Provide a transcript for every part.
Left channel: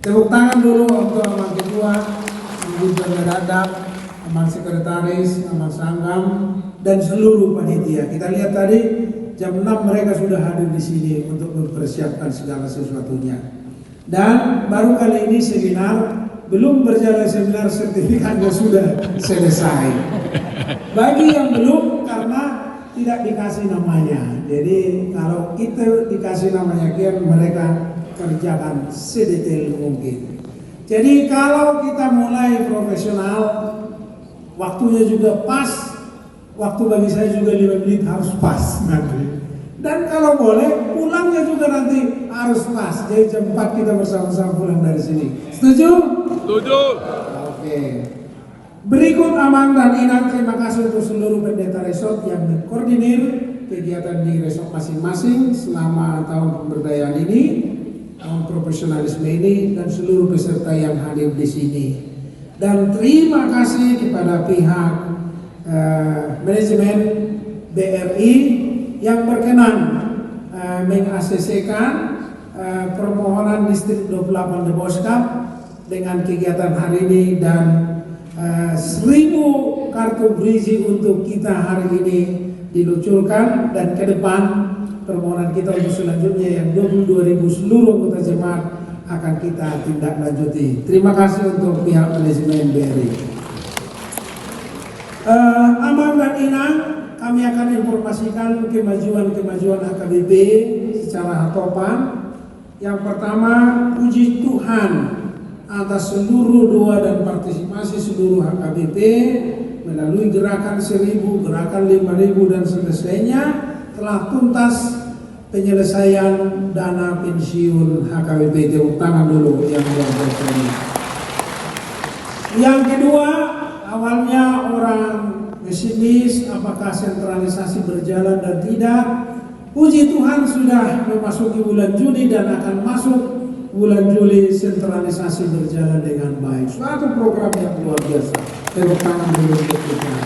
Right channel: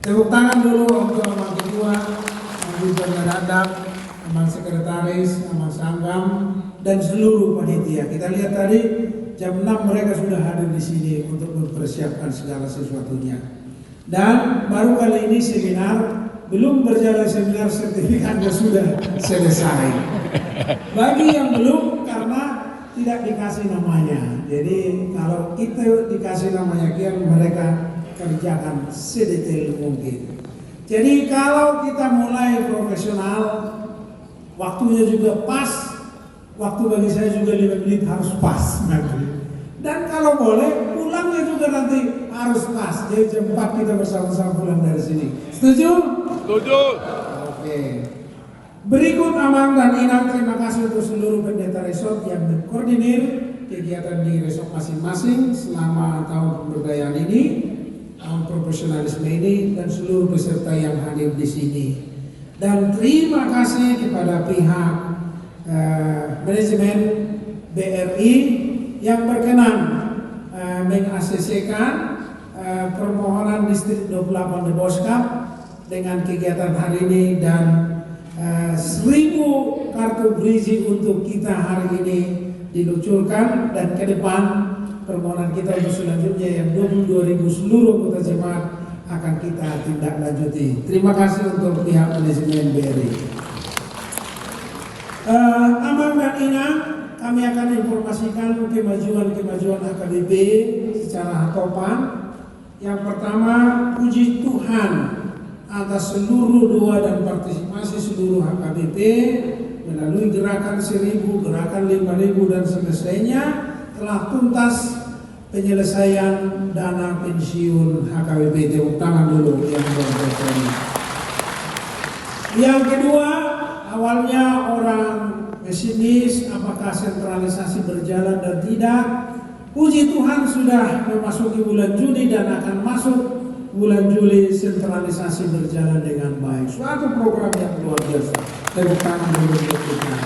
Tepuk tangan dulu untuk Amal Ketua, Amal Pengadap, Amal Sekretaris, Amal Sanggam, dan seluruh panitia. Kita lihat tadi jam 6 mereka sudah hadir di sini untuk mempersiapkan segala sesuatunya. Dan baru kali ini seminar, belum berjalan seminar sertifikatnya sudah selesai. Bagi yang belum karena tidak dikasih namanya. Jadi kalau kita dikasih namanya, kian mereka kerjakan sedetail mungkin. Jadi kalau kita mulai profesional, waktunya juga pas, waktu bagi saya juga 5 menit harus pas nanti. Dan kalau boleh pulangnya juga nanti harus pas. Jadi jam 4 kita bersama-sama pulang dari sini. Setuju? Setuju. Oke. Berikut Amang dan Inang, terima kasih untuk seluruh pendeta resort yang mengkoordinir kegiatan di resort masing-masing selama tahun pemberdayaan ini, tahun profesionalisme ini, dan seluruh peserta yang hadir di sini. Dan terima kasih kepada pihak manajemen BRI yang berkenan meng-ACC-kan permohonan distrik 28 The Boys Cup dengan kegiatan hari ini dan 1000 kartu bridging untuk kita hari ini diluncurkan, dan ke depan permohonan kita untuk selanjutnya yang 22.000 seluruh anggota jemaat akan kita tindak lanjuti. Terima kasih untuk pihak manajemen BRI. Amang dan Inang, kami akan informasikan kemajuan AKBP secara topan. Yang pertama, puji Tuhan atas seluruh doa dan partisipasi seluruh AKBP melalui gerakan 1000, gerakan 5000 dan selesainya telah tuntas penyelesaian dana pensiun HKBP. Tepuk tangan dulu yang berbahagia ini. Yang kedua, awalnya orang pesimis apakah sentralisasi berjalan dan tidak. Puji Tuhan sudah memasuki bulan Juni dan akan masuk bulan Juli, sentralisasi berjalan dengan baik. Suatu program yang luar biasa. Tepuk tangan dulu untuk kita.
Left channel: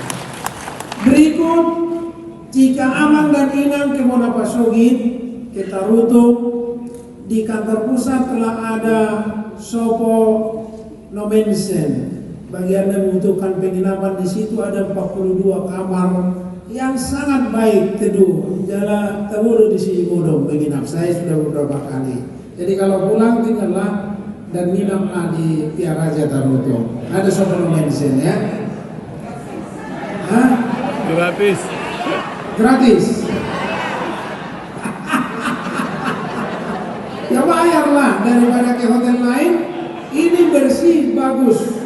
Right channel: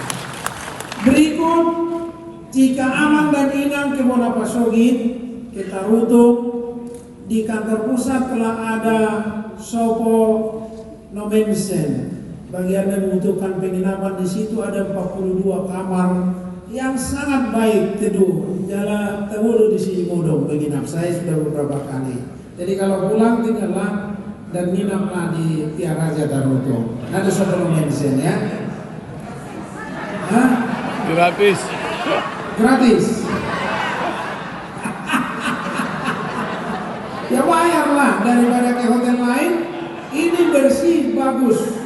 Berikut, jika Amang dan Inang ke Monapasogit, ke Tarutung, di kantor pusat telah ada Sopo Nomensen. Bagi Anda membutuhkan penginapan, di situ ada 42 kamar yang sangat baik, teduh. Jalan Tawuru di sini Bodong menginap. Saya sudah beberapa kali. Jadi kalau pulang tinggallah dan nginaplah di Tiaraja Tarutung. Ada Sopo Nomensen ya. Hah? Gratis. Gratis. Ya bayarlah daripada ke hotel lain. Ini bersih, bagus.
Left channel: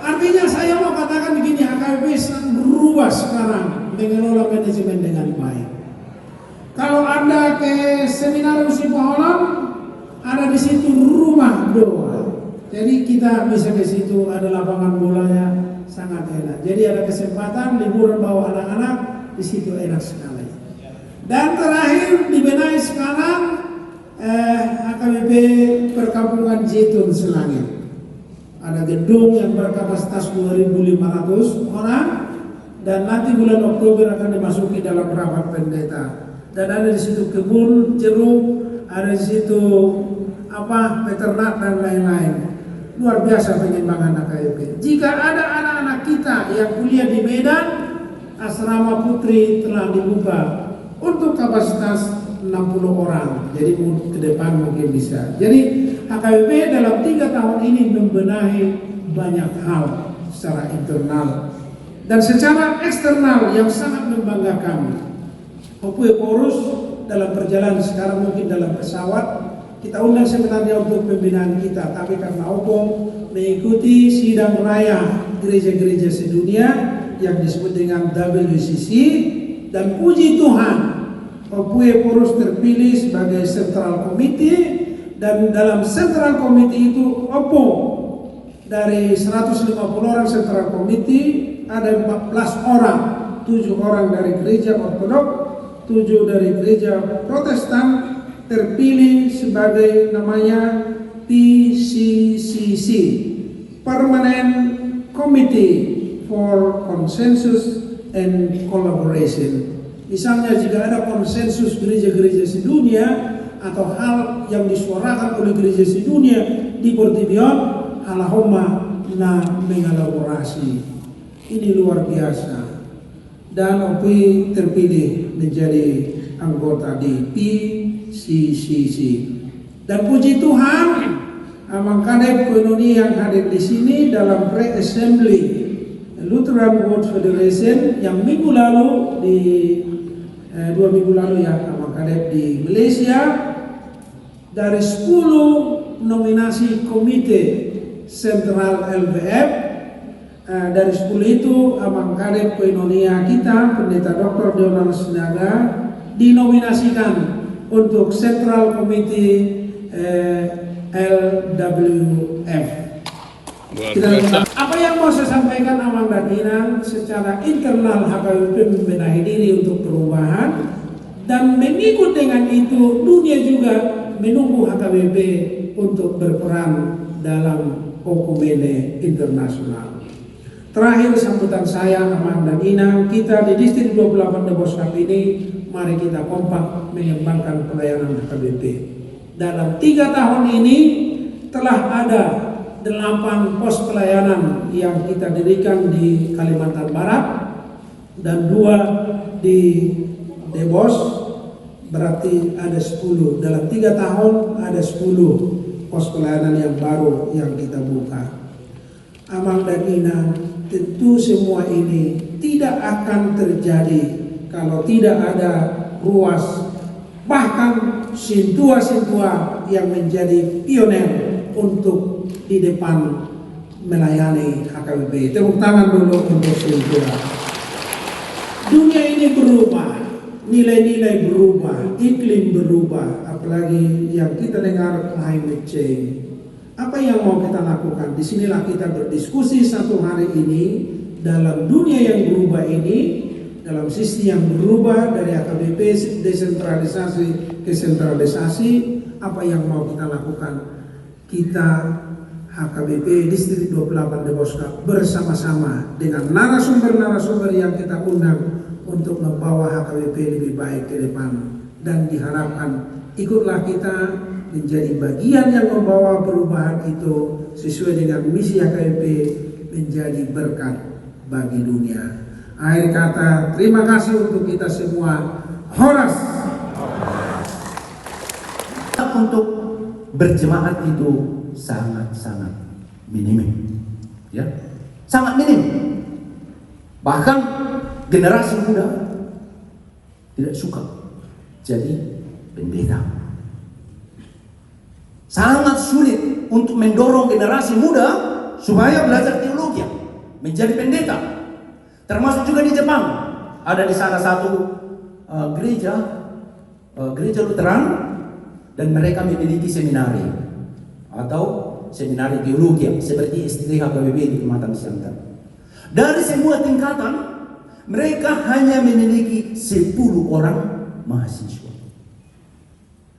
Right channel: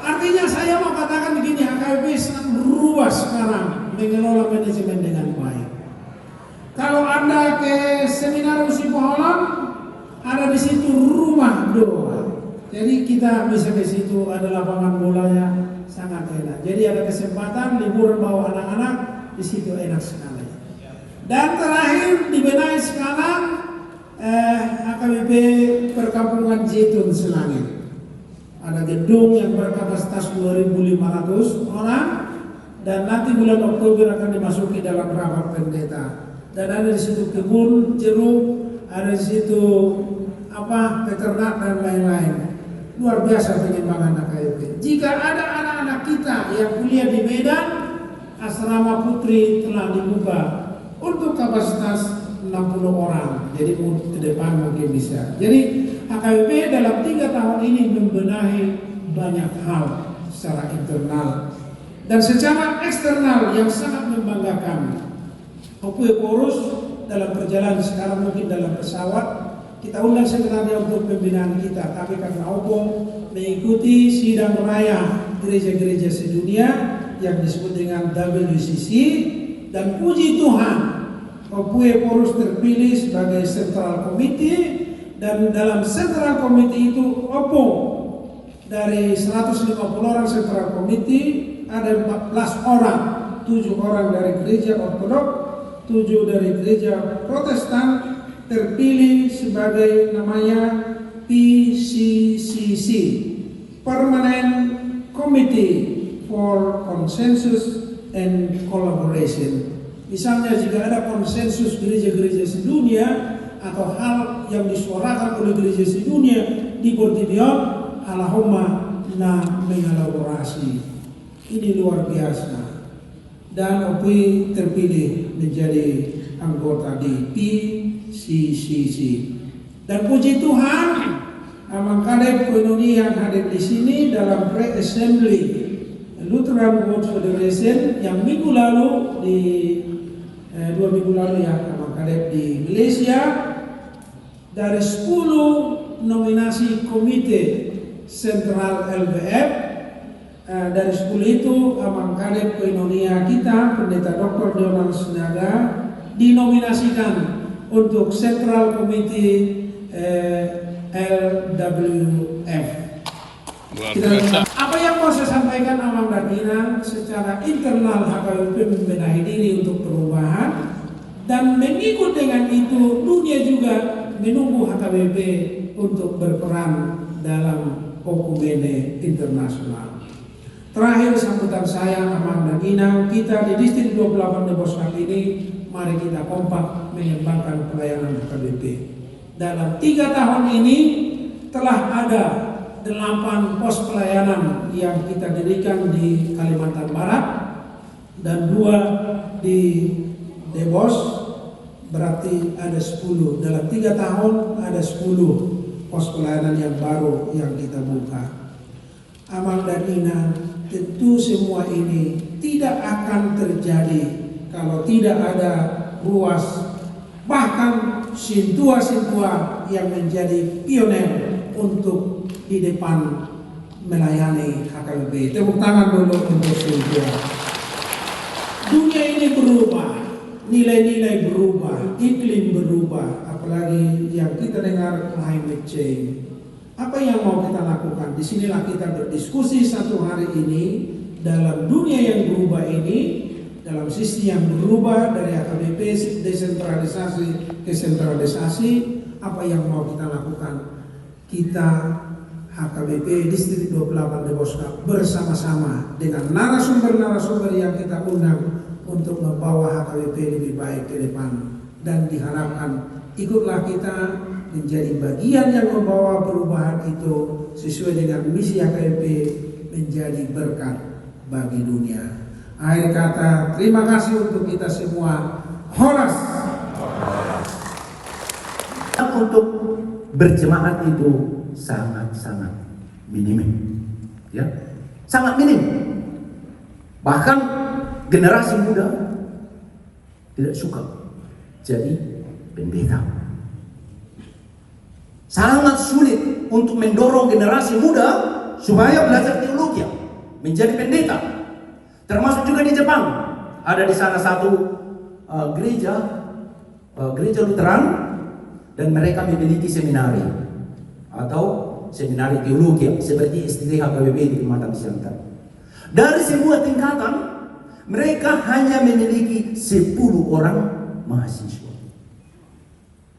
Artinya saya mau katakan begini, AKBP sangat berubah sekarang mengelola manajemen dengan baik. Kalau Anda ke seminar Usi Poholan, ada di situ rumah doa. Jadi kita bisa ke situ, ada lapangan bolanya sangat enak. Jadi ada kesempatan liburan bawa anak-anak, di situ enak sekali. Dan terakhir dibenahi sekarang AKBP Perkampungan Jetun Selangit. Ada gedung yang berkapasitas 2.500 orang dan nanti bulan Oktober akan dimasuki dalam rapat pendeta. Dan ada di situ kebun jeruk, ada di situ peternak dan lain-lain. Luar biasa pengembangan AKBP. Jika ada anak-anak kita yang kuliah di Medan, asrama putri telah dibuka untuk kapasitas 60 orang. Jadi ke depan mungkin bisa. Jadi AKBP dalam 3 tahun ini membenahi banyak hal secara internal dan secara eksternal yang sangat membanggakan. Opue Porus dalam perjalanan sekarang mungkin dalam pesawat. Kita undang sebenarnya untuk pembinaan kita, tapi karena Opung mengikuti sidang raya gereja-gereja sedunia yang disebut dengan WCC, dan puji Tuhan Opue Porus terpilih sebagai Central Committee, dan dalam Central Committee itu Opung dari 150 orang Central Committee ada 14 orang, 7 orang dari gereja Ortodoks, 7 dari gereja Protestan, terpilih sebagai namanya PCCC, Permanent Committee for Consensus and Collaboration. Misalnya jika ada konsensus gereja-gereja sedunia atau hal yang disuarakan oleh gereja sedunia di Portibion, Allahumma na mengelaborasi. Ini luar biasa. Dan Opi terpilih menjadi anggota di PCCC. Dan puji Tuhan, Amang Kadep Koinoni yang hadir di sini dalam pre-assembly Lutheran World Federation yang minggu lalu di 2 minggu lalu ya, Amang Kadep di Malaysia. Dari 10 nominasi komite sentral LBF, dari 10 itu Amang Kadep Koinonia kita, Pendeta Dr. Donald Sinaga, dinominasikan untuk Central Committee LWF. Apa yang mau saya sampaikan Amang dan Inang secara internal HKBP membenahi diri untuk perubahan, dan mengikut dengan itu dunia juga menunggu HKBP untuk berperan dalam okumene internasional. Terakhir sambutan saya Amang dan Inang, kita di Distrik 28 Debos kali ini, mari kita kompak mengembangkan pelayanan HKBP. Dalam 3 tahun ini telah ada 8 pos pelayanan yang kita dirikan di Kalimantan Barat dan 2 di Debos, berarti ada 10. Dalam 3 tahun ada 10 pos pelayanan yang baru yang kita buka. Amang dan Inang, tentu semua ini tidak akan terjadi kalau tidak ada ruas, bahkan sintua-sintua yang menjadi pioner untuk di depan melayani HKBP. Tepuk tangan dulu untuk sintua. Dunia ini berubah, nilai-nilai berubah, iklim berubah, apalagi yang kita dengar climate change. Apa yang mau kita lakukan? Disinilah kita berdiskusi satu hari ini dalam dunia yang berubah ini, dalam sisi yang berubah dari HKBP desentralisasi ke sentralisasi. Apa yang mau kita lakukan? Kita HKBP Distrik 28 Deboska bersama-sama dengan narasumber-narasumber yang kita undang untuk membawa HKBP lebih baik ke depan, dan diharapkan ikutlah kita menjadi bagian yang membawa perubahan itu sesuai dengan misi HKBP menjadi berkat bagi dunia. Akhir kata, terima kasih untuk kita semua. Horas. Untuk berjemaat itu sangat-sangat minim, ya, sangat minim. Bahkan generasi muda tidak suka jadi pendeta. Sangat sulit untuk mendorong generasi muda supaya belajar teologi, menjadi pendeta. Termasuk juga di Jepang, ada di salah satu gereja Lutheran, dan mereka memiliki seminari atau seminari teologi seperti STT HKBP di Kalimantan Selatan. Dari semua tingkatan, mereka hanya memiliki 10 orang mahasiswa.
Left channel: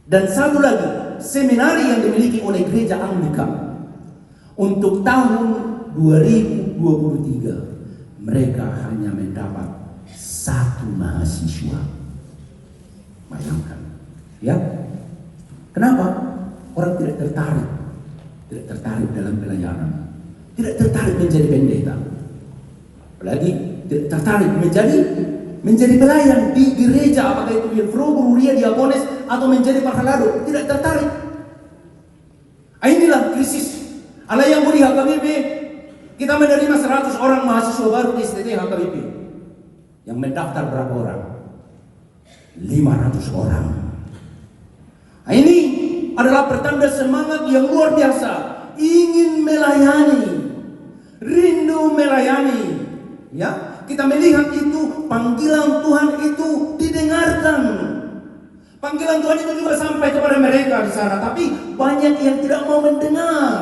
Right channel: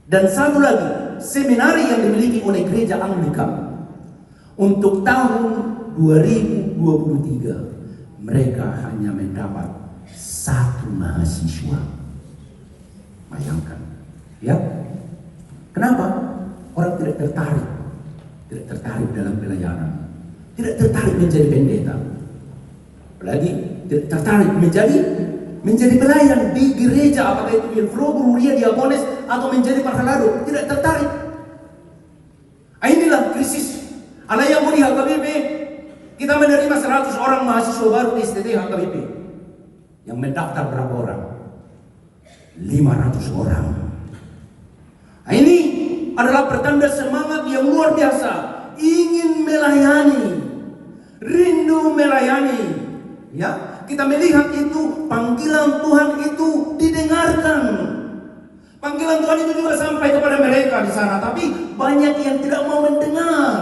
Dan satu lagi, seminari yang dimiliki oleh gereja Anglika untuk tahun 2023, mereka hanya mendapat 1 mahasiswa. Bayangkan, ya. Kenapa? Orang tidak tertarik dalam pelayanan, tidak tertarik menjadi pendeta, apalagi tidak tertarik menjadi pelayan di gereja, apakah itu Ilfro, Ria, Diakonis, atau menjadi parhalado, tidak tertarik. Inilah krisis. Ala yang beri HKBP, kita menerima 100 orang mahasiswa baru di STT HKBP. Yang mendaftar berapa orang? 500 orang. Ini adalah pertanda semangat yang luar biasa, ingin melayani, rindu melayani. Ya, kita melihat itu panggilan Tuhan itu didengarkan. Panggilan Tuhan itu juga sampai kepada mereka di sana, tapi banyak yang tidak mau mendengar,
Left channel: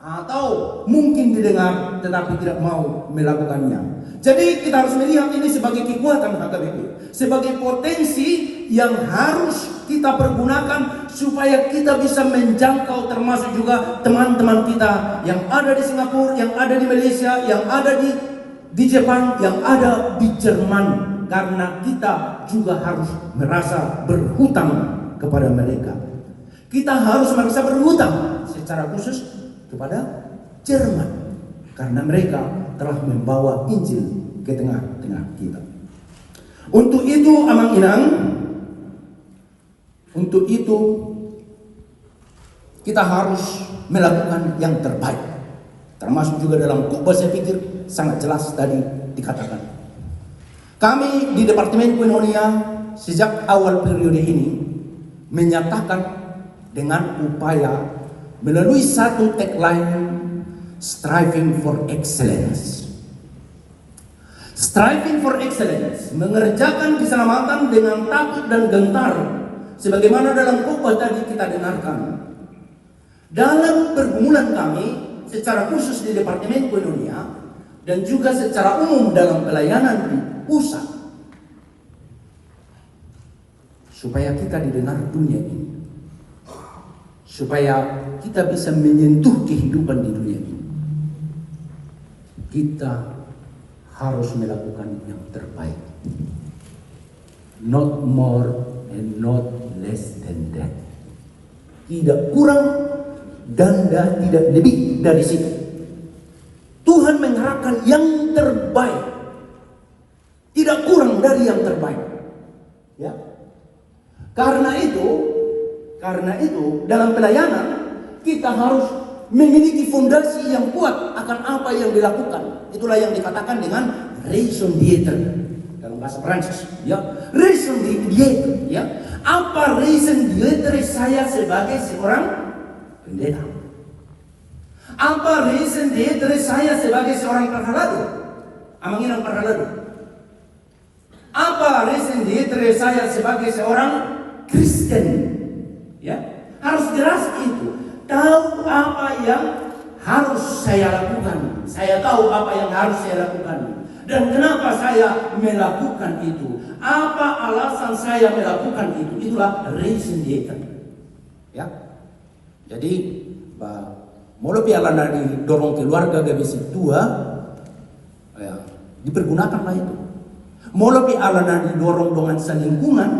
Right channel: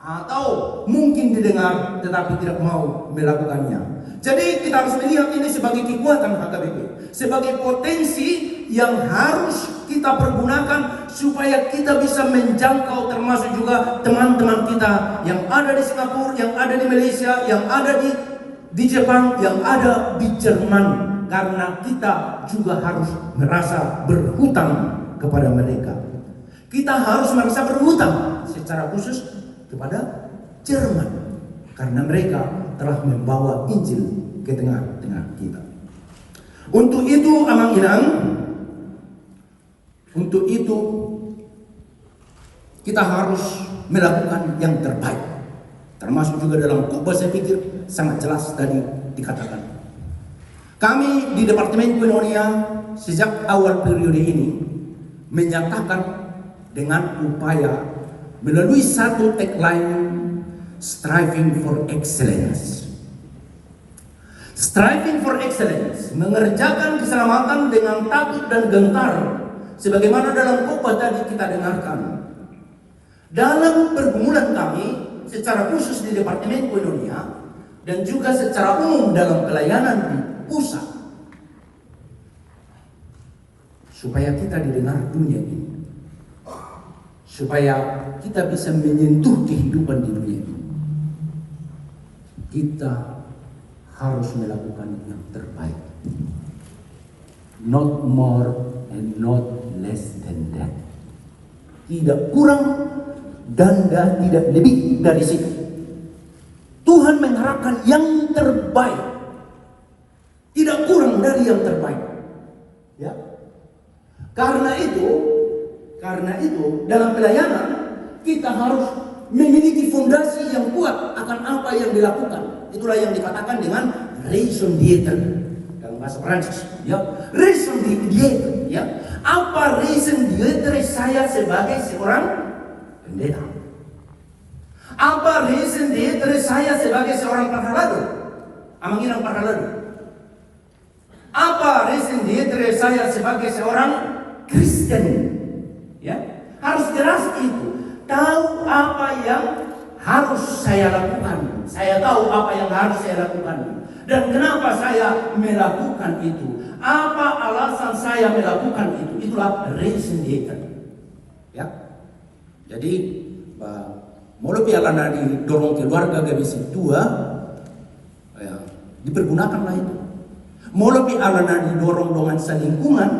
atau mungkin didengar tetapi tidak mau melakukannya. Jadi kita harus melihat ini sebagai kekuatan HKBP, sebagai potensi yang harus kita pergunakan supaya kita bisa menjangkau, termasuk juga teman-teman kita yang ada di Singapura, yang ada di Malaysia, yang ada di Jepang, yang ada di Jerman. Karena kita juga harus merasa berhutang kepada mereka. Kita harus merasa berhutang secara khusus kepada Jerman, karena mereka telah membawa Injil ke tengah-tengah kita. Untuk itu Amang Inang, untuk itu kita harus melakukan yang terbaik. Termasuk juga dalam khotbah, saya pikir sangat jelas tadi dikatakan. Kami di Departemen Koinonia sejak awal periode ini menyatakan dengan upaya melalui satu tagline, striving for excellence. Striving for excellence, mengerjakan keselamatan dengan takut dan gentar, sebagaimana dalam khotbah tadi kita dengarkan. Dalam pergumulan kami secara khusus di Departemen Koinonia dan juga secara umum dalam pelayanan di pusat, supaya kita didengar dunia ini, supaya kita bisa menyentuh kehidupan di dunia ini, kita harus melakukan yang terbaik, not more and not less than that. Tidak kurang dan tidak lebih dari situ. Tuhan mengharapkan yang terbaik, tidak kurang dari yang terbaik. Ya. Karena itu dalam pelayanan kita harus memiliki fondasi yang kuat akan apa yang dilakukan. Itulah yang dikatakan dengan raison d'être dalam bahasa Prancis. Ya, raison d'être. Ya, apa raison d'être saya sebagai seorang pendeta? Apa raison d'être saya sebagai seorang parhaladu? Amang Inang parhaladu. Apa raison d'être saya sebagai seorang Kristen? Ya, harus jelas itu. Tahu apa yang harus saya lakukan. Saya tahu apa yang harus saya lakukan. Dan kenapa saya melakukan itu? Apa alasan saya melakukan itu? Itulah raison d'être. Ya. Jadi, mulai piala didorong keluarga GBC 2, ya, dipergunakanlah itu. Mulai piala didorong dengan selingkungan,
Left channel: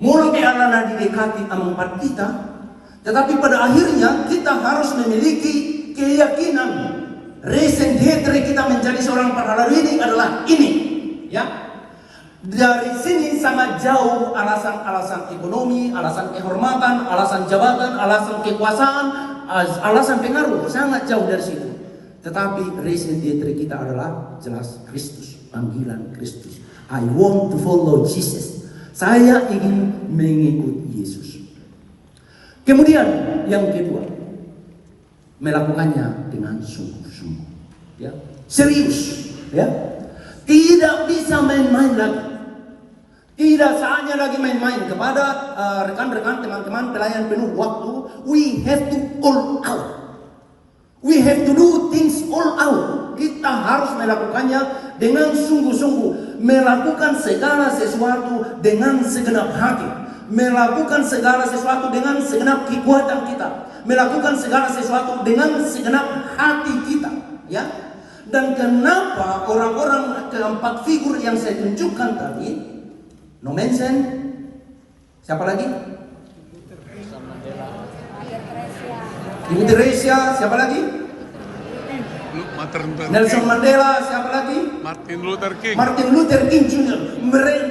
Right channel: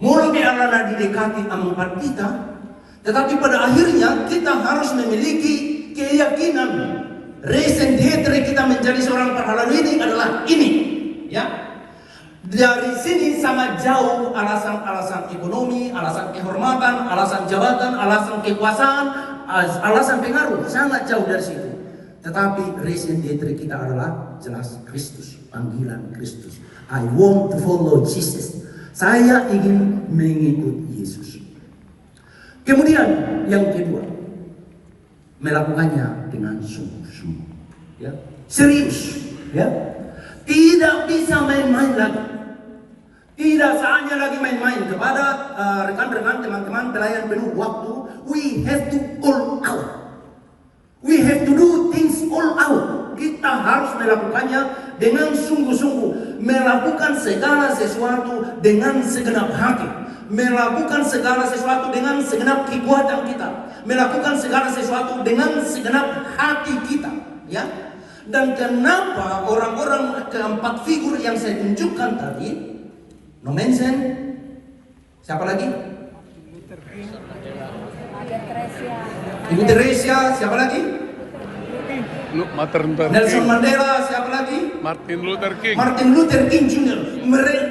mulai piala didekati empat kita. Tetapi pada akhirnya kita harus memiliki keyakinan. Raison d'être kita menjadi seorang parhaladu ini adalah ini, ya. Dari sini sangat jauh alasan-alasan ekonomi, alasan kehormatan, alasan jabatan, alasan kekuasaan, alasan pengaruh, sangat jauh dari situ. Tetapi raison d'être kita adalah jelas Kristus, panggilan Kristus. I want to follow Jesus. Saya ingin mengikut Yesus. Kemudian yang kedua, melakukannya dengan sungguh-sungguh, ya, serius, ya, tidak bisa main-main lagi, tidak saatnya lagi main-main. Kepada rekan-rekan, teman-teman pelayan penuh waktu, we have to all out, we have to do things all out. Kita harus melakukannya dengan sungguh-sungguh, melakukan segala sesuatu dengan segenap hati. Melakukan segala sesuatu dengan segenap kekuatan kita, melakukan segala sesuatu dengan segenap hati kita, ya. Dan kenapa orang-orang keempat figur yang saya tunjukkan tadi, no mention, siapa lagi? Ibu Teresia, siapa lagi? Nelson Mandela, siapa lagi? Martin Luther King. Martin Luther King Jr.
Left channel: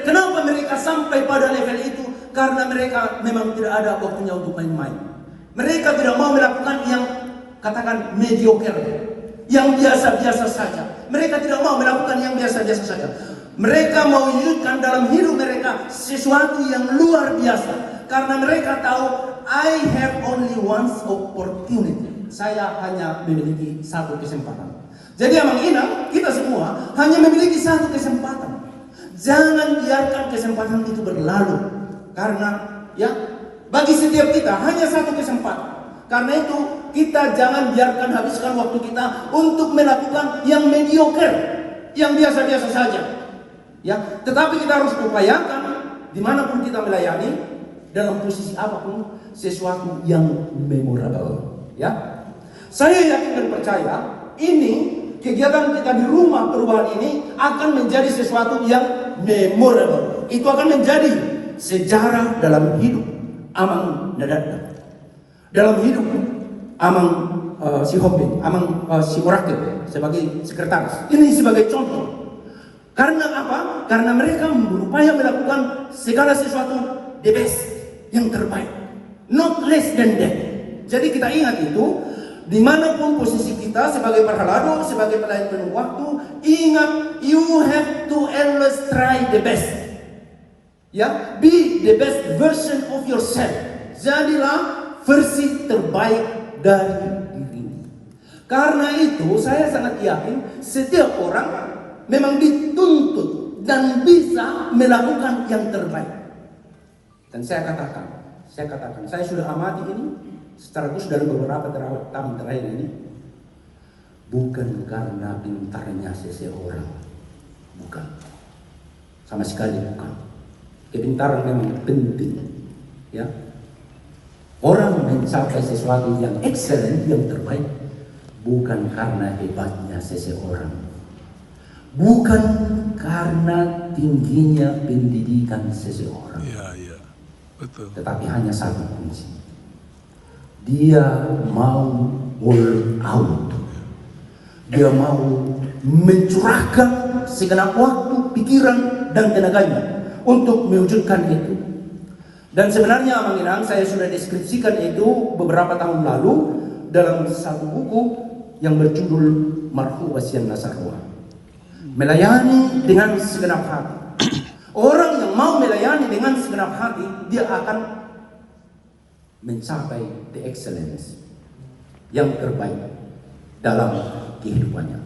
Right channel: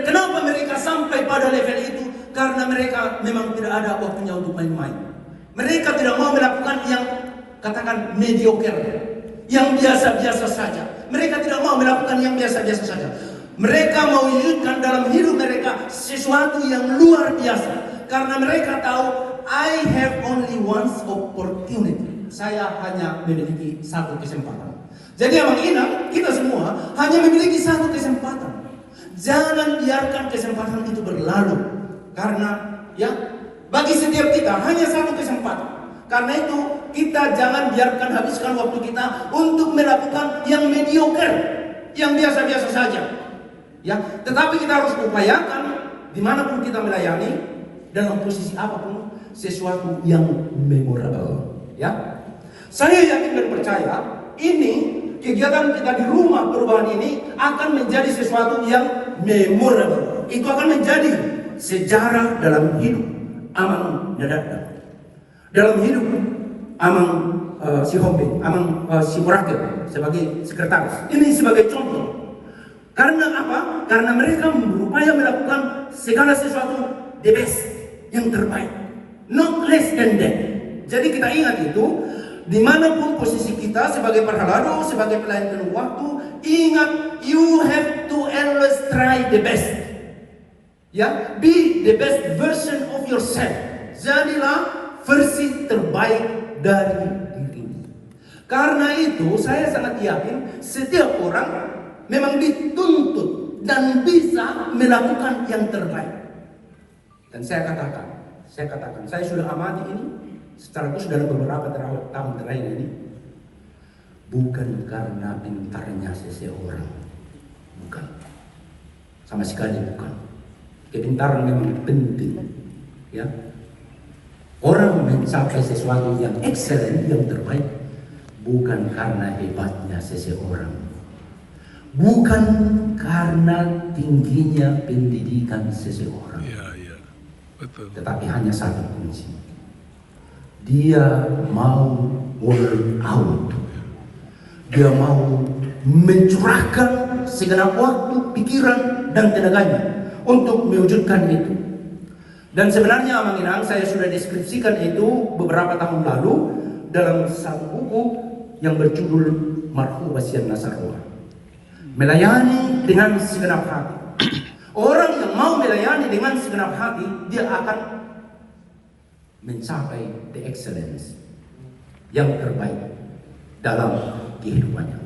Kenapa mereka sampai pada level itu? Karena mereka memang tidak ada waktunya untuk main-main. Mereka tidak mau melakukan yang katakan mediocre, yang biasa-biasa saja. Mereka tidak mau melakukan yang biasa-biasa saja. Mereka mau wujudkan dalam hidup mereka sesuatu yang luar biasa. Karena mereka tahu, I have only one opportunity. Saya hanya memiliki satu kesempatan. Jadi Amang Inang, kita semua hanya memiliki satu kesempatan. Jangan biarkan kesempatan itu berlalu. Karena ya, bagi setiap kita hanya satu kesempatan. Karena itu kita jangan biarkan habiskan waktu kita untuk melakukan yang mediocre, yang biasa-biasa saja. Ya, tetapi kita harus upayakan dimanapun kita melayani, dalam posisi apapun, sesuatu yang memorable. Ya, saya yakin dan percaya ini kegiatan kita di rumah perubahan ini akan menjadi sesuatu yang memorable. Itu akan menjadi sejarah dalam hidup Amang Nadadda, dalam hidup amang si Hombe, amang si Orakel sebagai sekretaris. Ini sebagai contoh. Karena apa? Karena mereka berupaya melakukan segala sesuatu the best, yang terbaik, not less than that. Jadi kita ingat itu, dimanapun posisi kita sebagai perhalado, sebagai pelayan penuh waktu, ingat you have to always try the best. Ya, be the best version of yourself. Jadilah versi terbaik dari dirimu. Karena itu saya sangat yakin setiap orang memang dituntut dan bisa melakukan yang terbaik. Dan saya katakan, saya sudah amati ini secara khusus dalam beberapa tahun terakhir ini, bukan karena pintarnya seseorang, bukan, sama sekali bukan. Kepintaran memang penting, ya. Orang mencapai sesuatu yang excellent, yang terbaik, bukan karena hebatnya seseorang, bukan karena tingginya pendidikan seseorang. Iya, betul. Tetapi hanya satu kunci. Dia mau all out. Dia mau mencurahkan segenap waktu, pikiran, dan tenaganya untuk mewujudkan itu. Dan sebenarnya Amang Inang, saya sudah deskripsikan itu beberapa tahun lalu dalam satu buku yang berjudul Marfu Wasian Nasarullah. Melayani dengan segenap hati. Orang yang mau melayani dengan segenap hati, dia akan mencapai the excellence, yang terbaik dalam kehidupannya.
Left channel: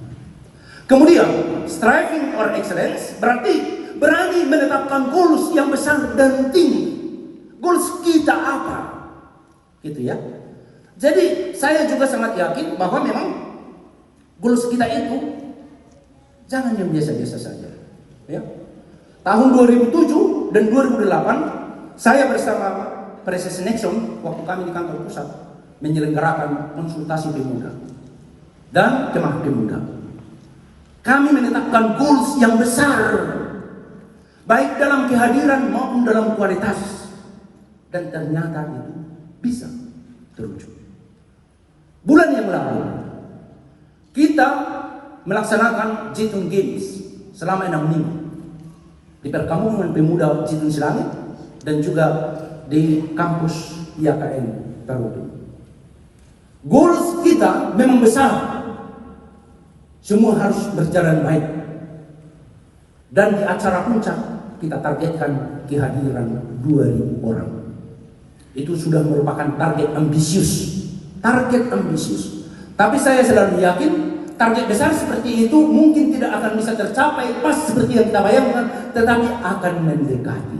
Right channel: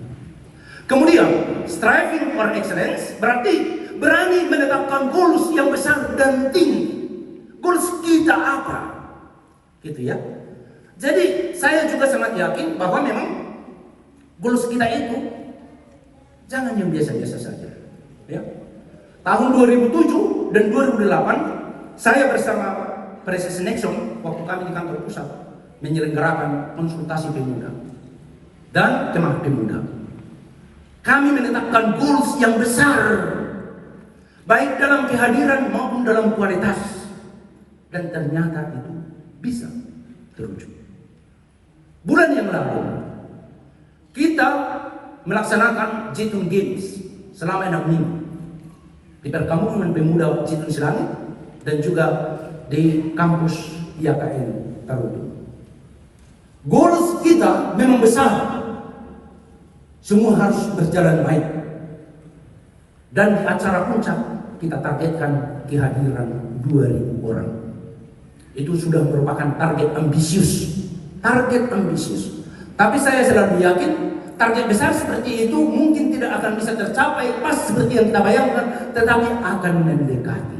Kemudian, striving for excellence berarti berani menetapkan goals yang besar dan tinggi. Goals kita apa? Gitu ya. Jadi saya juga sangat yakin bahwa memang goals kita itu jangan yang biasa-biasa saja. Ya. Tahun 2007 dan 2008 saya bersama Presiden Nixon waktu kami di kantor pusat menyelenggarakan konsultasi pemuda dan teman pemuda. Kami menetapkan goals yang besar, baik dalam kehadiran maupun dalam kualitas. Dan ternyata itu bisa terwujud. Bulan yang lalu kita melaksanakan Jitun Games selama 6 minggu di perkampungan pemuda Jitun Selangit dan juga di kampus IAKN Tarutu. Goals kita memang besar. Semua harus berjalan baik. Dan di acara puncak kita targetkan kehadiran 2.000 orang. Itu sudah merupakan target ambisius. Tapi saya selalu yakin target besar seperti itu mungkin tidak akan bisa tercapai pas seperti yang kita bayangkan, tetapi akan mendekati.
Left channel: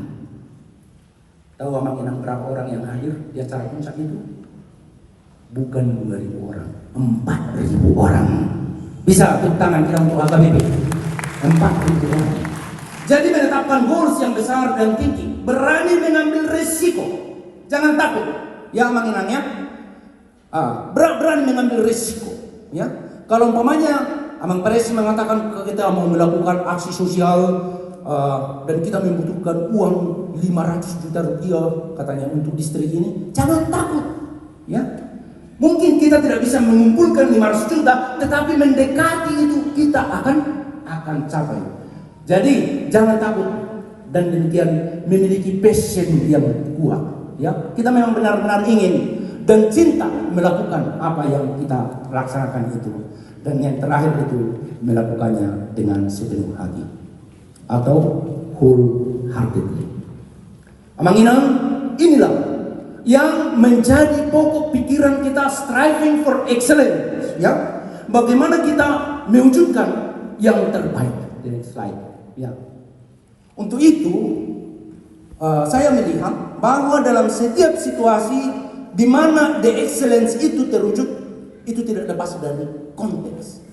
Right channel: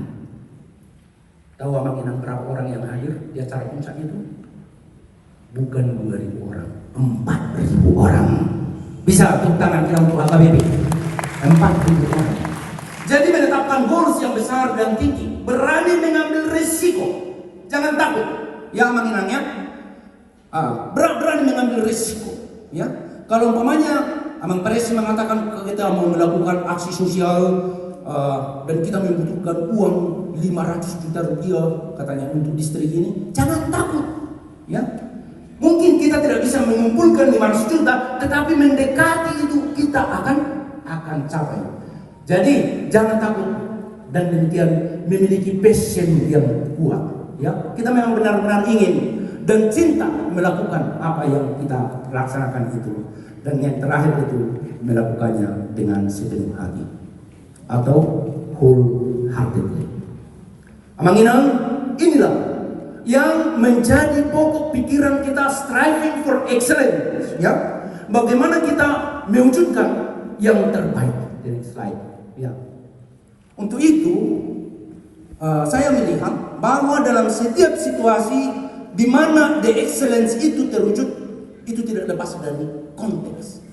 Tahu Amang Inang berapa orang yang hadir di acara puncak itu? Bukan 2.000 orang, 4.000 orang. Bisa tepuk tangan kita untuk AKBP. 4.000 orang. Jadi menetapkan goals yang besar dan tinggi, berani mengambil risiko. Jangan takut, ya Amang Inang ya. Berani mengambil risiko, ya. Kalau umpamanya Amang Presi mengatakan kita mau melakukan aksi sosial dan kita membutuhkan uang 500 juta rupiah katanya untuk distrik ini, jangan takut, ya. Mungkin kita tidak bisa mengumpulkan 500 juta, tetapi mendekati itu kita akan capai. Jadi jangan takut dan demikian memiliki passion yang kuat. Ya, kita memang benar-benar ingin dan cinta melakukan apa yang kita laksanakan itu, dan yang terakhir itu melakukannya dengan sepenuh hati atau wholeheartedly. Amang Inang, inilah yang menjadi pokok pikiran kita, striving for excellence. Ya, bagaimana kita mewujudkan yang terbaik. The next slide. Ya, untuk itu saya melihat bahwa dalam setiap situasi di mana the excellence itu terwujud, itu tidak lepas dari konteks.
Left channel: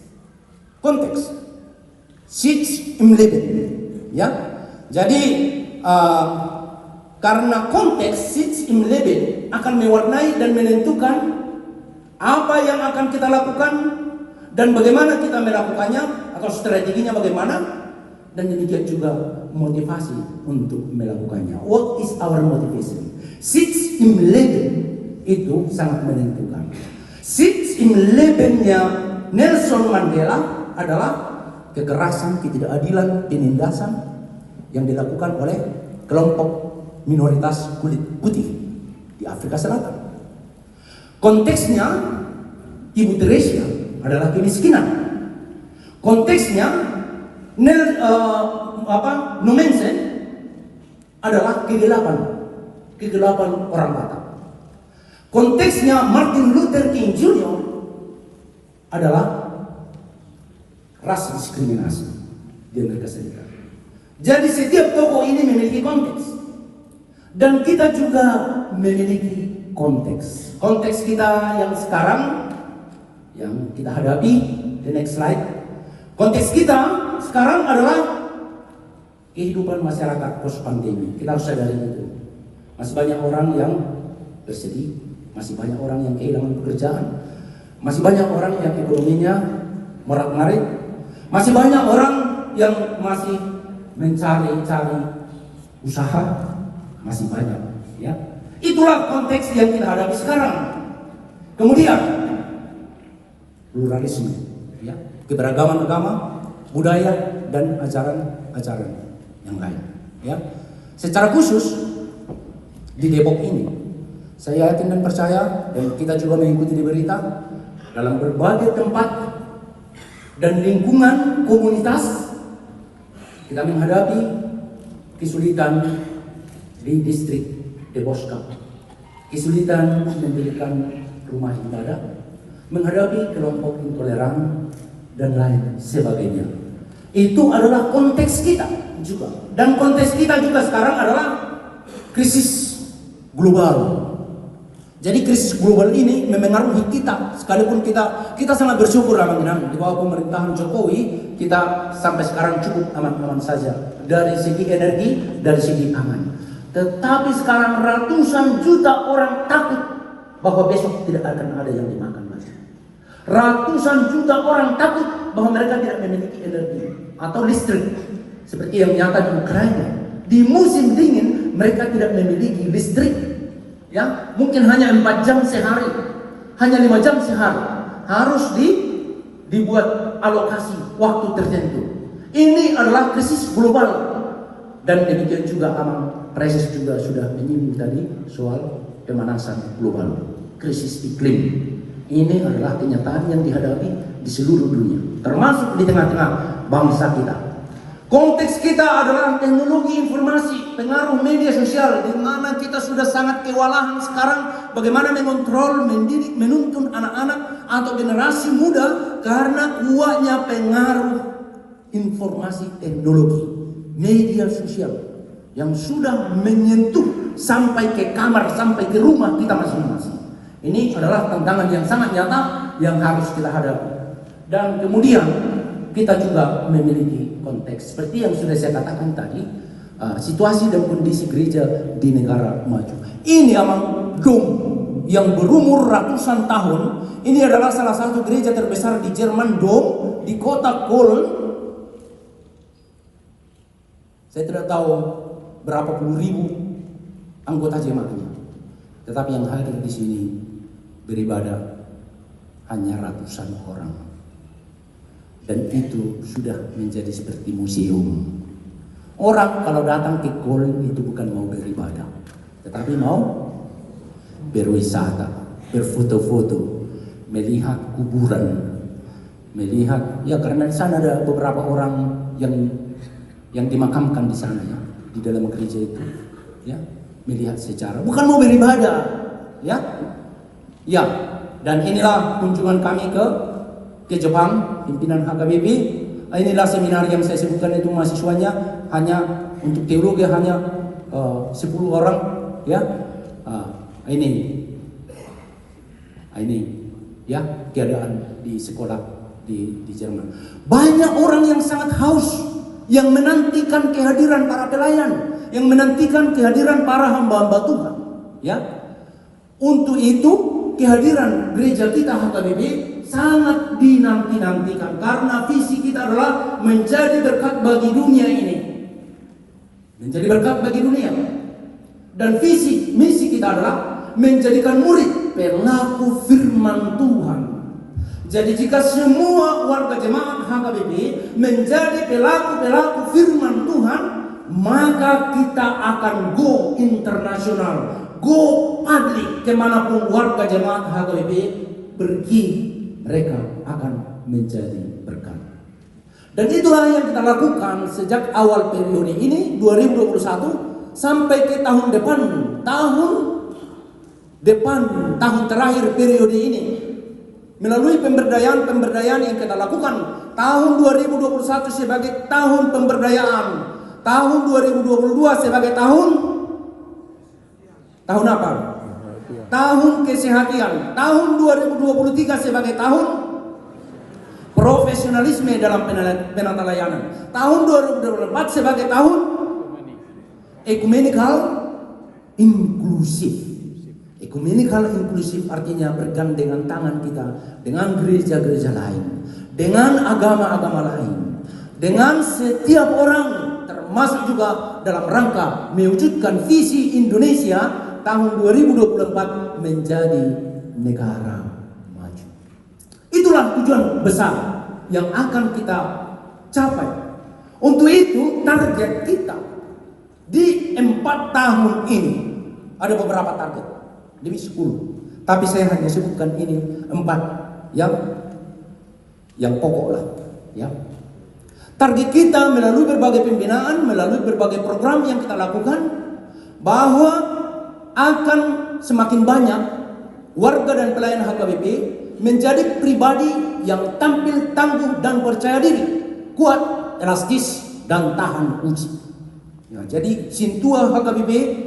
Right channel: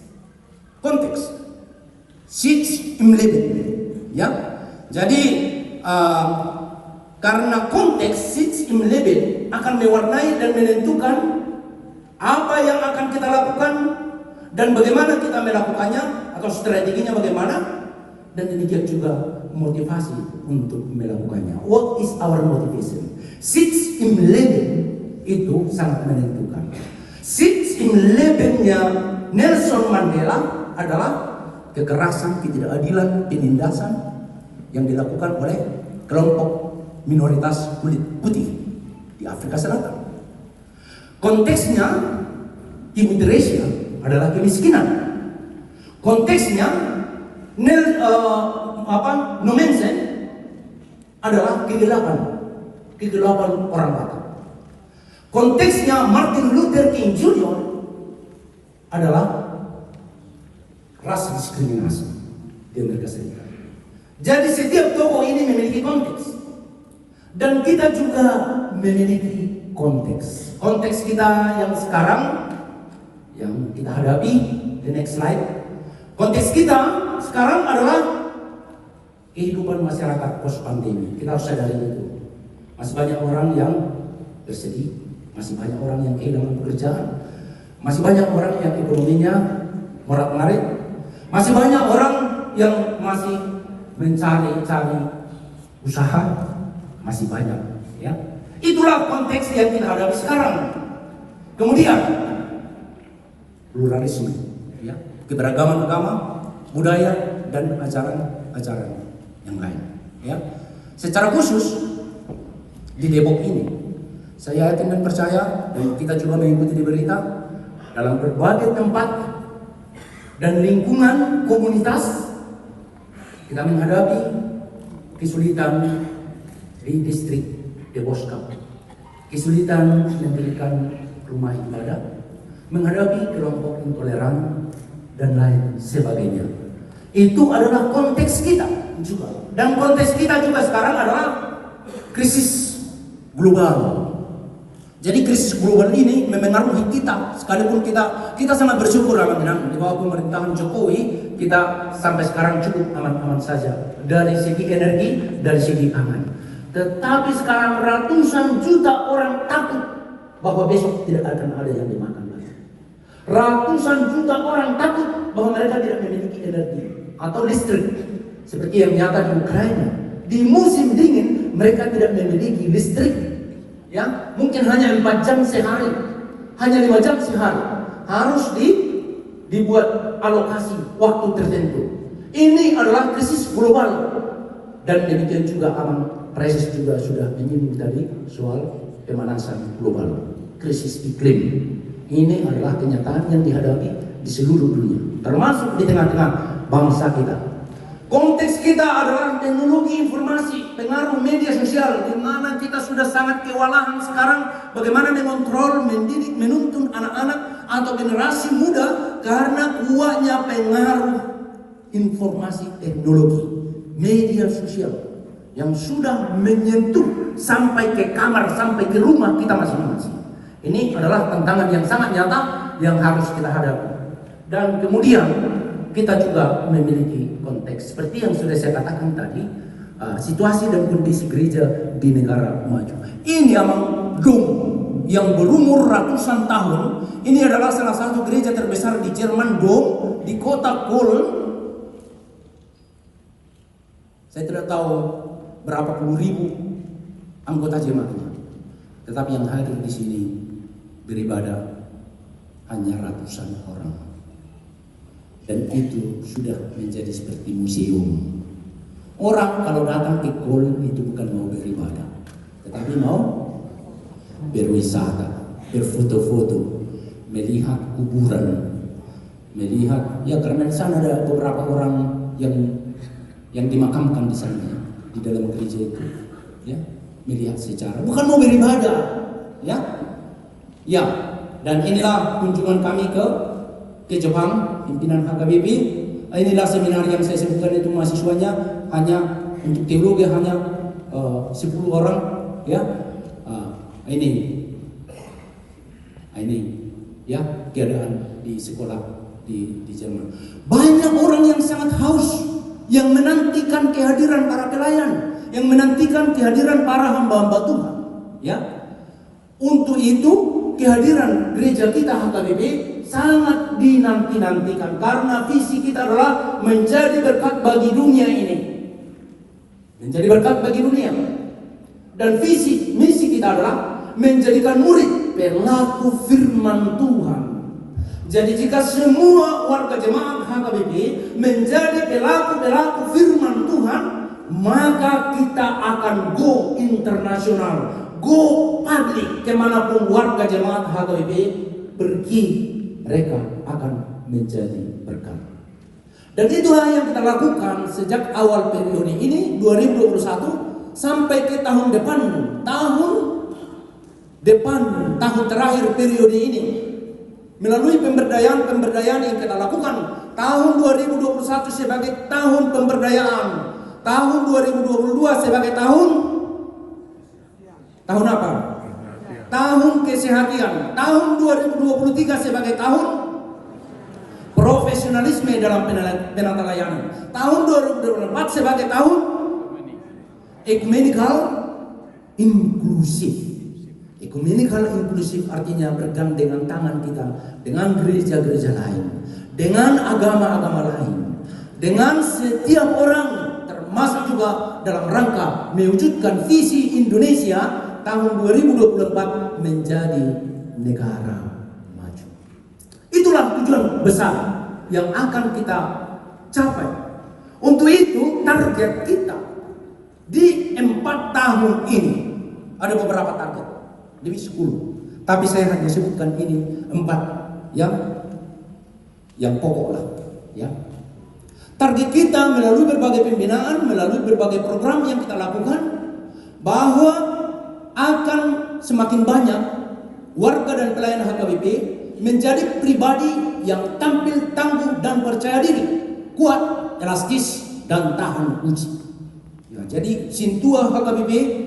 Konteks. Sits im Leben. Ya. Jadi karena konteks sits im Leben akan mewarnai dan menentukan apa yang akan kita lakukan dan bagaimana kita melakukannya atau strateginya bagaimana, dan demikian juga motivasi untuk melakukannya. What is our motivation? Sits im Leben itu sangat menentukan. Sits in Lebennya Nelson Mandela adalah kekerasan, ketidakadilan, penindasan yang dilakukan oleh kelompok minoritas kulit putih di Afrika Selatan. Konteksnya imigrasi adalah kemiskinan. Konteksnya Nomensen adalah kegelapan orang Batak. Konteksnya Martin Luther King Jr. adalah ras diskriminasi di Amerika Serikat. Jadi setiap tokoh ini memiliki konteks, dan kita juga memiliki konteks. Konteks kita yang sekarang, yang kita hadapi, the next slide. Konteks kita sekarang adalah kehidupan masyarakat post pandemi. Kita harus sadari itu. Masih banyak orang yang bersedih, masih banyak orang yang kehilangan pekerjaan, masih banyak orang yang ekonominya merat-marit, masih banyak orang yang masih mencari usaha, masih banyak, ya. Itulah konteks yang kita hadapi sekarang. Kemudian pluralisme, ya, keberagaman agama, budaya, dan ajaran-ajaran yang lain, ya. Secara khusus di Depok ini, saya yakin dan percaya, dan kita juga mengikuti di berita, dalam berbagai tempat dan lingkungan komunitas kita menghadapi kesulitan di distrik Deboska, kesulitan mendirikan rumah ibadah, menghadapi kelompok intoleran dan lain sebagainya. Itu adalah konteks kita juga, dan konteks kita juga sekarang adalah krisis global. Jadi krisis global ini memengaruhi kita, sekalipun kita sangat bersyukur alhamdulillah di bawah pemerintahan Jokowi kita sampai sekarang cukup aman-aman saja dari segi energi, dari segi aman. Tetapi sekarang ratusan juta orang takut bahwa besok tidak akan ada yang dimakan lagi. Ratusan juta orang takut bahwa mereka tidak memiliki energi atau listrik, seperti yang nyata di Ukraina. Di musim dingin mereka tidak memiliki listrik. Ya, mungkin hanya 4 jam sehari, hanya 5 jam sehari, harus dibuat alokasi waktu tertentu. Ini adalah krisis global, dan demikian juga Amang Presis juga sudah menyinggung tadi soal pemanasan global, krisis iklim. Ini adalah kenyataan yang dihadapi di seluruh dunia, termasuk di tengah-tengah bangsa kita. Konteks kita adalah teknologi informasi, pengaruh media sosial, di mana kita sudah sangat kewalahan sekarang bagaimana mengontrol, mendidik, menuntun anak-anak atau generasi muda karena kuatnya pengaruh informasi teknologi, media sosial yang sudah menyentuh sampai ke kamar, sampai ke rumah kita masing-masing. Ini adalah tantangan yang sangat nyata yang harus kita hadapi. Dan kemudian kita juga memiliki konteks seperti yang sudah saya katakan tadi, situasi dan kondisi gereja di negara maju. Ini Amang Dom yang berumur ratusan tahun. Ini adalah salah satu gereja terbesar di Jerman, Dom di kota Köln. Saya tidak tahu berapa puluh ribu anggota jemaatnya, tetapi yang hadir di sini beribadah hanya ratusan orang. Dan itu sudah menjadi seperti museum. Orang kalau datang ke Köln itu bukan mau beribadah, tetapi mau berwisata, berfoto-foto, melihat kuburan, melihat, ya karena di sana ada beberapa orang yang dimakamkan di sana, di dalam gereja itu, ya, melihat secara, bukan mau beribadah, ya. Dan inilah kunjungan kami ke Jepang, pimpinan HKBP. Inilah seminar yang saya sebutkan itu mahasiswanya hanya untuk teologi hanya 10 orang, ya. Ini ya keadaan di sekolah di Jerman. Banyak orang yang sangat haus, yang menantikan kehadiran para pelayan, yang menantikan kehadiran para hamba-hamba Tuhan, ya. Untuk itu kehadiran gereja kita HKBP sangat dinanti-nantikan, karena visi kita adalah menjadi berkat bagi dunia ini, menjadi berkat bagi dunia. Dan misi kita adalah menjadikan murid pelaku firman Tuhan. Jadi jika semua warga jemaat HKBP menjadi pelaku-pelaku firman Tuhan, maka kita akan go internasional, go public, kemanapun warga jemaat HKBP pergi, mereka akan menjadi berkat. Dan itulah yang kita lakukan sejak awal periode ini 2021 sampai ke tahun depan, tahun terakhir periode ini. Melalui pemberdayaan yang kita lakukan, tahun 2021 sebagai tahun pemberdayaan, tahun 2022 sebagai tahun apa? Tahun kesehatan, tahun 2023 sebagai tahun profesionalisme dalam penata layanan, tahun 2024 sebagai tahun ekumenikal inklusif. Ekumenikal inklusif artinya bergandengan tangan kita dengan gereja-gereja lain, dengan agama-agama lain, dengan setiap orang, termasuk juga dalam rangka mewujudkan visi Indonesia tahun 2024 menjadi negara maju. Itulah tujuan besar yang akan kita capai. Untuk itu target kita di 4 tahun ini ada beberapa target, lebih 10. Tapi saya hanya sebutkan ini 4 yang pokok lah, ya. Target kita melalui berbagai pembinaan, melalui berbagai program yang kita lakukan, bahwa akan semakin banyak warga dan pelayan HKBP menjadi pribadi yang tampil tangguh dan percaya diri, kuat, elastis, dan tahan uji. Ya, jadi Sintua HKBP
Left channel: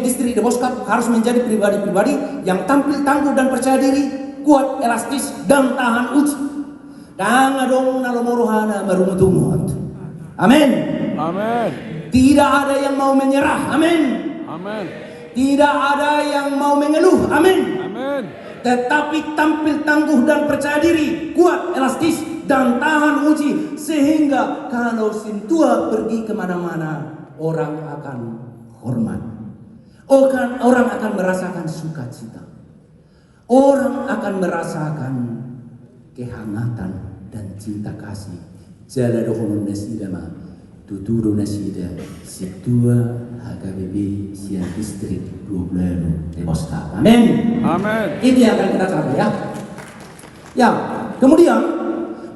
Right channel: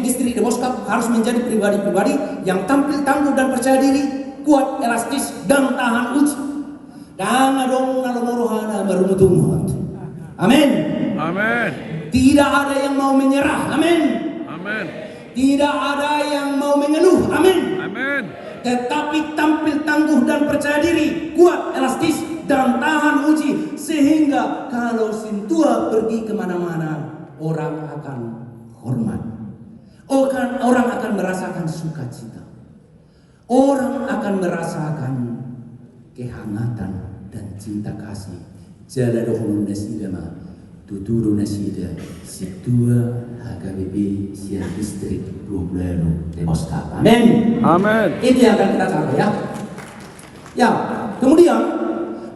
Distrik Deboskap harus menjadi pribadi-pribadi yang tampil tangguh dan percaya diri, kuat, elastis, dan tahan uji. Dan adong nalomorohana marumutumut. Amin. Amin. Tidak ada yang mau menyerah. Amin. Amin. Tidak ada yang mau mengeluh. Amin. Amin. Tetapi tampil tangguh dan percaya diri, kuat, elastis, dan tahan uji, sehingga kalau Sintua pergi kemana-mana, orang akan hormat. Orang akan merasakan sukacita. Orang akan merasakan kehangatan dan cinta kasih. Jala dohonun nasidama, tuturu nasida, Sintua HKBP Sian Distrik 20 Deboskap. Amin. Amin. Ini yang akan kita capai, ya. Ya, kemudian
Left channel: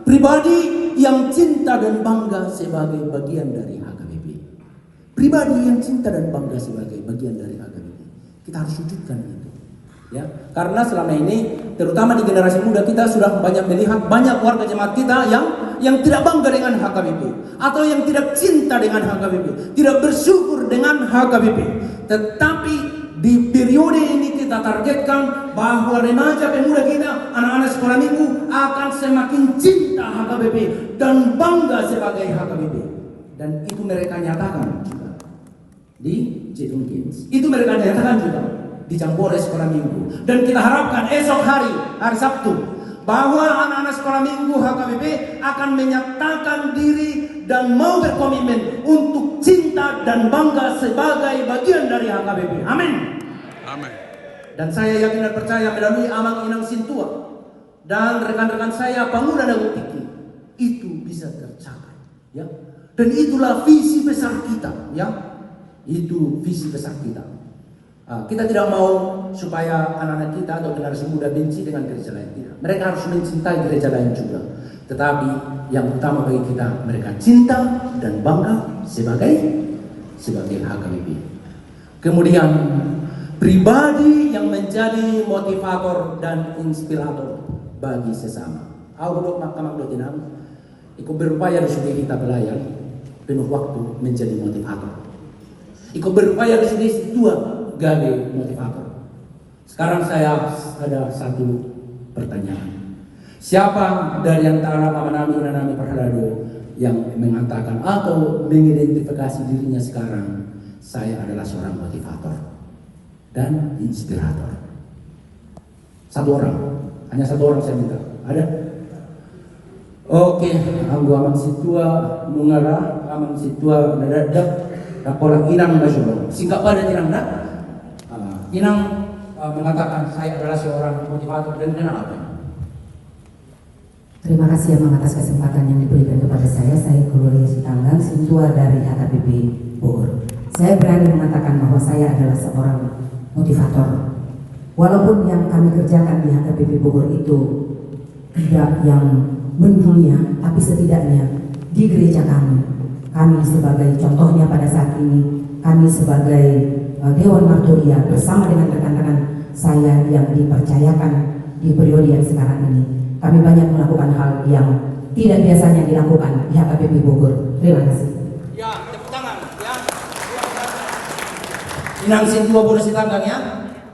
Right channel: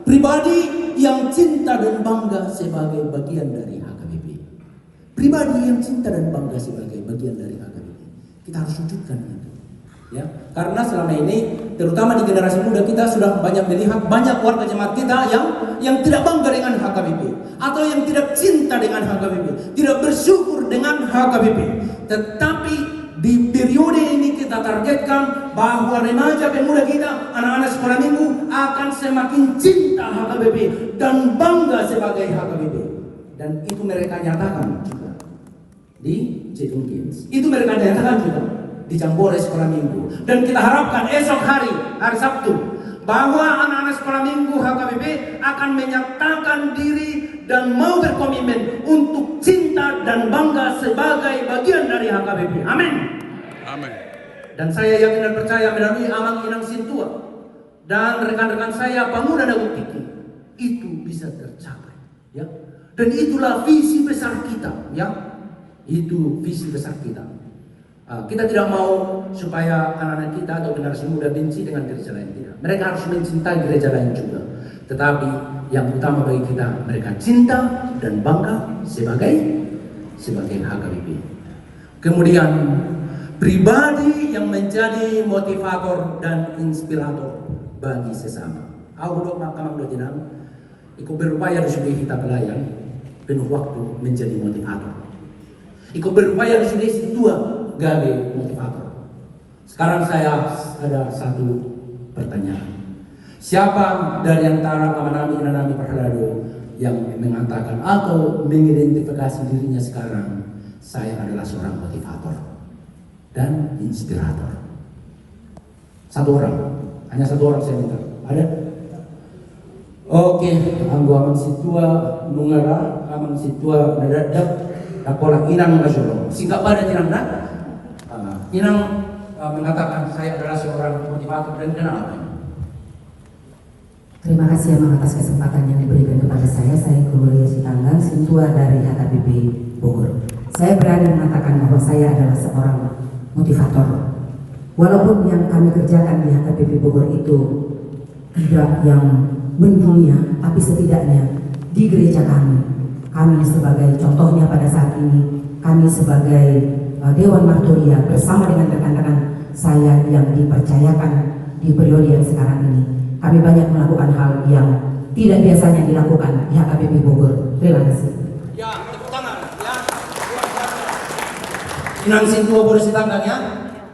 pribadi yang cinta dan bangga sebagai bagian dari HKBP. Pribadi yang cinta dan bangga sebagai bagian dari HKBP. Kita harus wujudkan itu. Ya, karena selama ini terutama di generasi muda kita sudah banyak melihat banyak warga jemaat kita yang tidak bangga dengan HKBP atau yang tidak cinta dengan HKBP, tidak bersyukur dengan HKBP. Tetapi di periode ini kita targetkan bahwa remaja pemuda kita, anak-anak sekolah minggu akan semakin cinta HKBP dan bangga sebagai HKBP. Dan itu mereka nyatakan juga di Jedung Games. Itu mereka nyatakan juga di Jambore sekolah minggu. Dan kita harapkan esok hari Sabtu, bahwa anak-anak sekolah minggu HKBP akan menyatakan diri dan mau berkomitmen untuk cinta dan bangga sebagai bagian dari HKBP. Amin. Amin. Dan saya yakin dan percaya melalui Amang Inang Sintua dan rekan-rekan saya pemuda dan Tiki, itu bisa tercapai, ya. Dan itulah visi besar kita, ya. Itu visi besar kita. Kita tidak mau supaya anak-anak kita atau generasi muda benci dengan gereja lain, tidak. Mereka harus mencintai gereja lain juga. Tetapi yang utama bagi kita, mereka cinta dan bangga sebagai HKBP. Kemudian pribadi yang menjadi motivator dan inspirator bagi sesama. Allah makamang dotinam, ikut berupaya di sudut kita pelayan penuh waktu menjadi motivator. Ikut berupaya di sudut Sintua gawe motivator. Sekarang saya ada satu pertanyaan. Siapa dari antara kawan-kawan dan kami Perhelado yang mengatakan atau mengidentifikasi dirinya sekarang, saya adalah seorang motivator dan inspirator? Satu orang, hanya satu orang saya minta. Ada? Oke, anggo aman situa mungara, aman situa nadadak, dapola inang nasional. Singkat pada inang nak, inang mengatakan saya adalah seorang motivator dan kenapa? Terima kasih Abang atas kesempatan yang diberikan kepada saya. Saya Gloria Sitanggang, Sintua dari HKBP Bogor. Saya berani mengatakan bahwa saya adalah seorang motivator. Walaupun yang kami kerjakan di HKBP Bogor itu tidak yang mendunia, tapi setidaknya di gereja kami sebagai contohnya pada saat ini, kami sebagai Dewan Marturia bersama dengan rekan-rekan saya yang dipercayakan di periode yang sekarang ini, kami banyak melakukan hal yang tidak biasanya dilakukan di HKBP Bogor. Terima kasih. Ya, tepuk tangan ya. Inang Sintua boleh Sitanggang ya.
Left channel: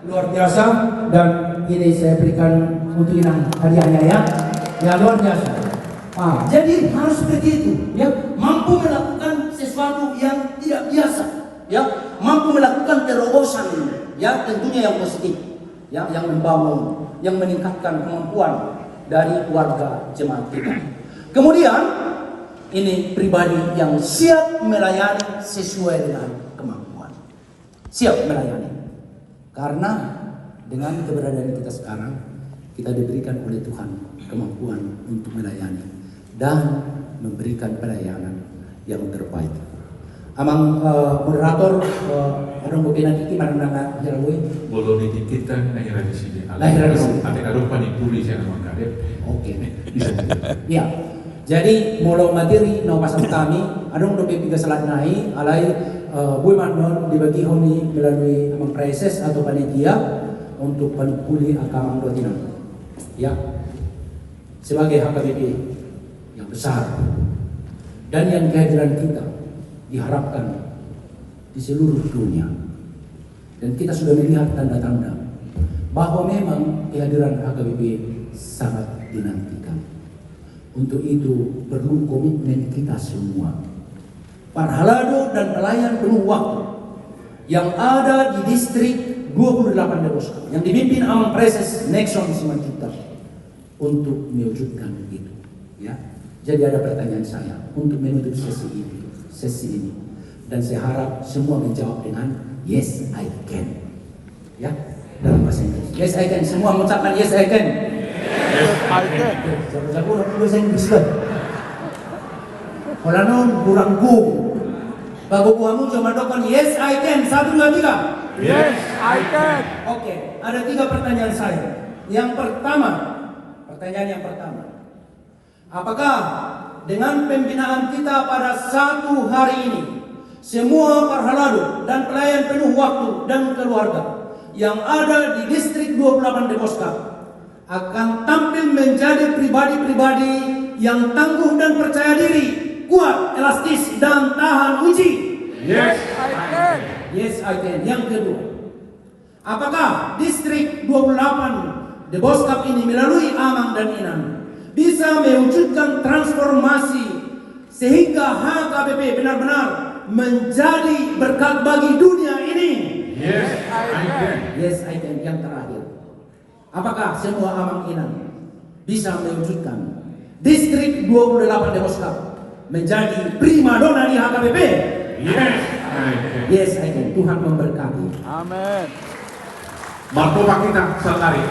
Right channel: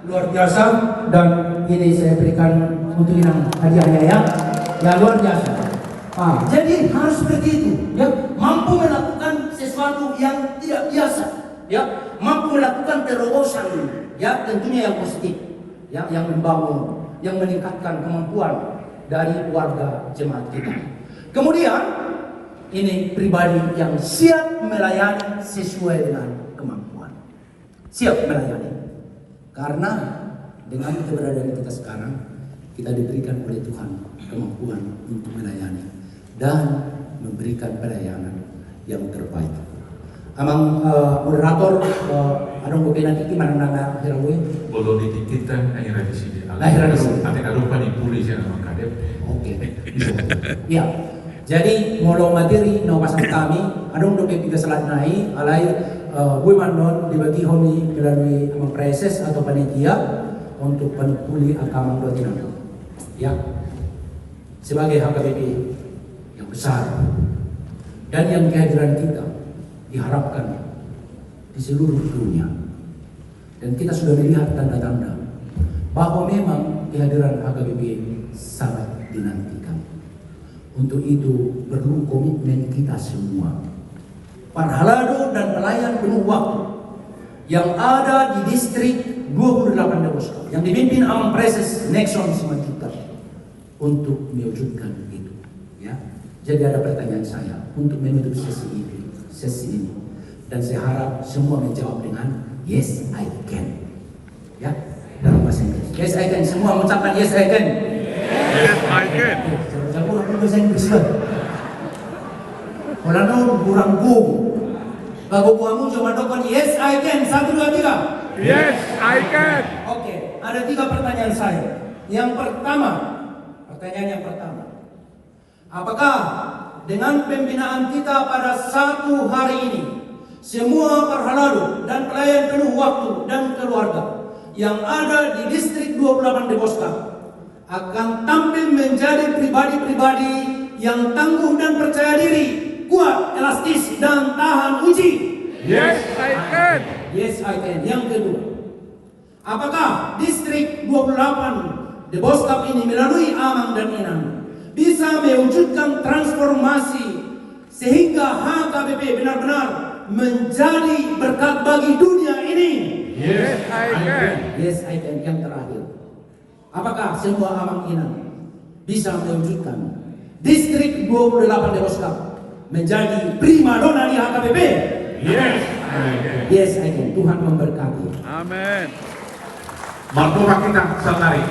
Luar biasa, dan ini saya berikan untuk Inang hadiahnya ya. Ya luar biasa. Jadi harus begitu ya, mampu melakukan sesuatu yang tidak biasa ya, mampu melakukan terobosan ya, tentunya yang positif ya, yang membangun, yang meningkatkan kemampuan dari warga jemaat kita. Kemudian ini pribadi yang siap melayani sesuai dengan kemampuan, siap melayani, karena dengan keberadaan kita sekarang kita diberikan oleh Tuhan kemampuan untuk melayani dan memberikan pelayanan yang terbaik. Amang moderator, ada mungkin nanti mana herawe? Boleh dititipkan lahir di sini. Lahir di sini. Ada rupa ditulis yang mengkadep. Oke, bisa. Ya, jadi modal materi nawasan kami, ada untuk tiga selatnai, alai gue manon dibagi homi melalui proses atau panitia untuk penukuli agama dotina. Ya, sebagai HKBP yang besar dan yang kehadiran kita diharapkan di seluruh dunia, dan kita sudah melihat tanda-tanda bahwa memang kehadiran HKBP sangat dinantikan. Untuk itu perlu komitmen kita semua, para halado dan pelayan penuh waktu yang ada di distrik 28 Deboska yang dipimpin Amang Preses Nexon Simanjuntak untuk mewujudkan itu ya. Jadi ada pertanyaan saya untuk menutup sesi ini, dan saya harap semua menjawab dengan yes I can ya, dalam bahasa Inggris. Yes I can, semua mengucapkan yes I can. Yes, I can. Jago-jago orang bahasa Inggris lah. Kalau non kurang go, bago kamu coba dokan yes I can, 1, 2, 3. Yes, I can. Oke, ada 3 pertanyaan saya. Yang pertama, pertanyaan yang pertama, apakah dengan pembinaan kita pada 1 hari ini, semua parhalado dan pelayan penuh waktu dan keluarga yang ada di distrik 28 Deboska akan tampil menjadi pribadi-pribadi yang tangguh dan percaya diri, kuat, elastis, dan tahan uji? Yes, I can. Yes, I can. Yang kedua, apakah distrik 28 Deboskap ini melalui Amang dan Inang bisa mewujudkan transformasi sehingga HKBP benar-benar menjadi berkat bagi dunia ini? Yes, I can. Yes, I can. Yang terakhir, apakah semua Amang Inang bisa mewujudkan distrik 28 Deboskap menjadi primadona di HKBP? Yes. Yes, I can. Tuhan memberkati. Amen. Marco kita sangari.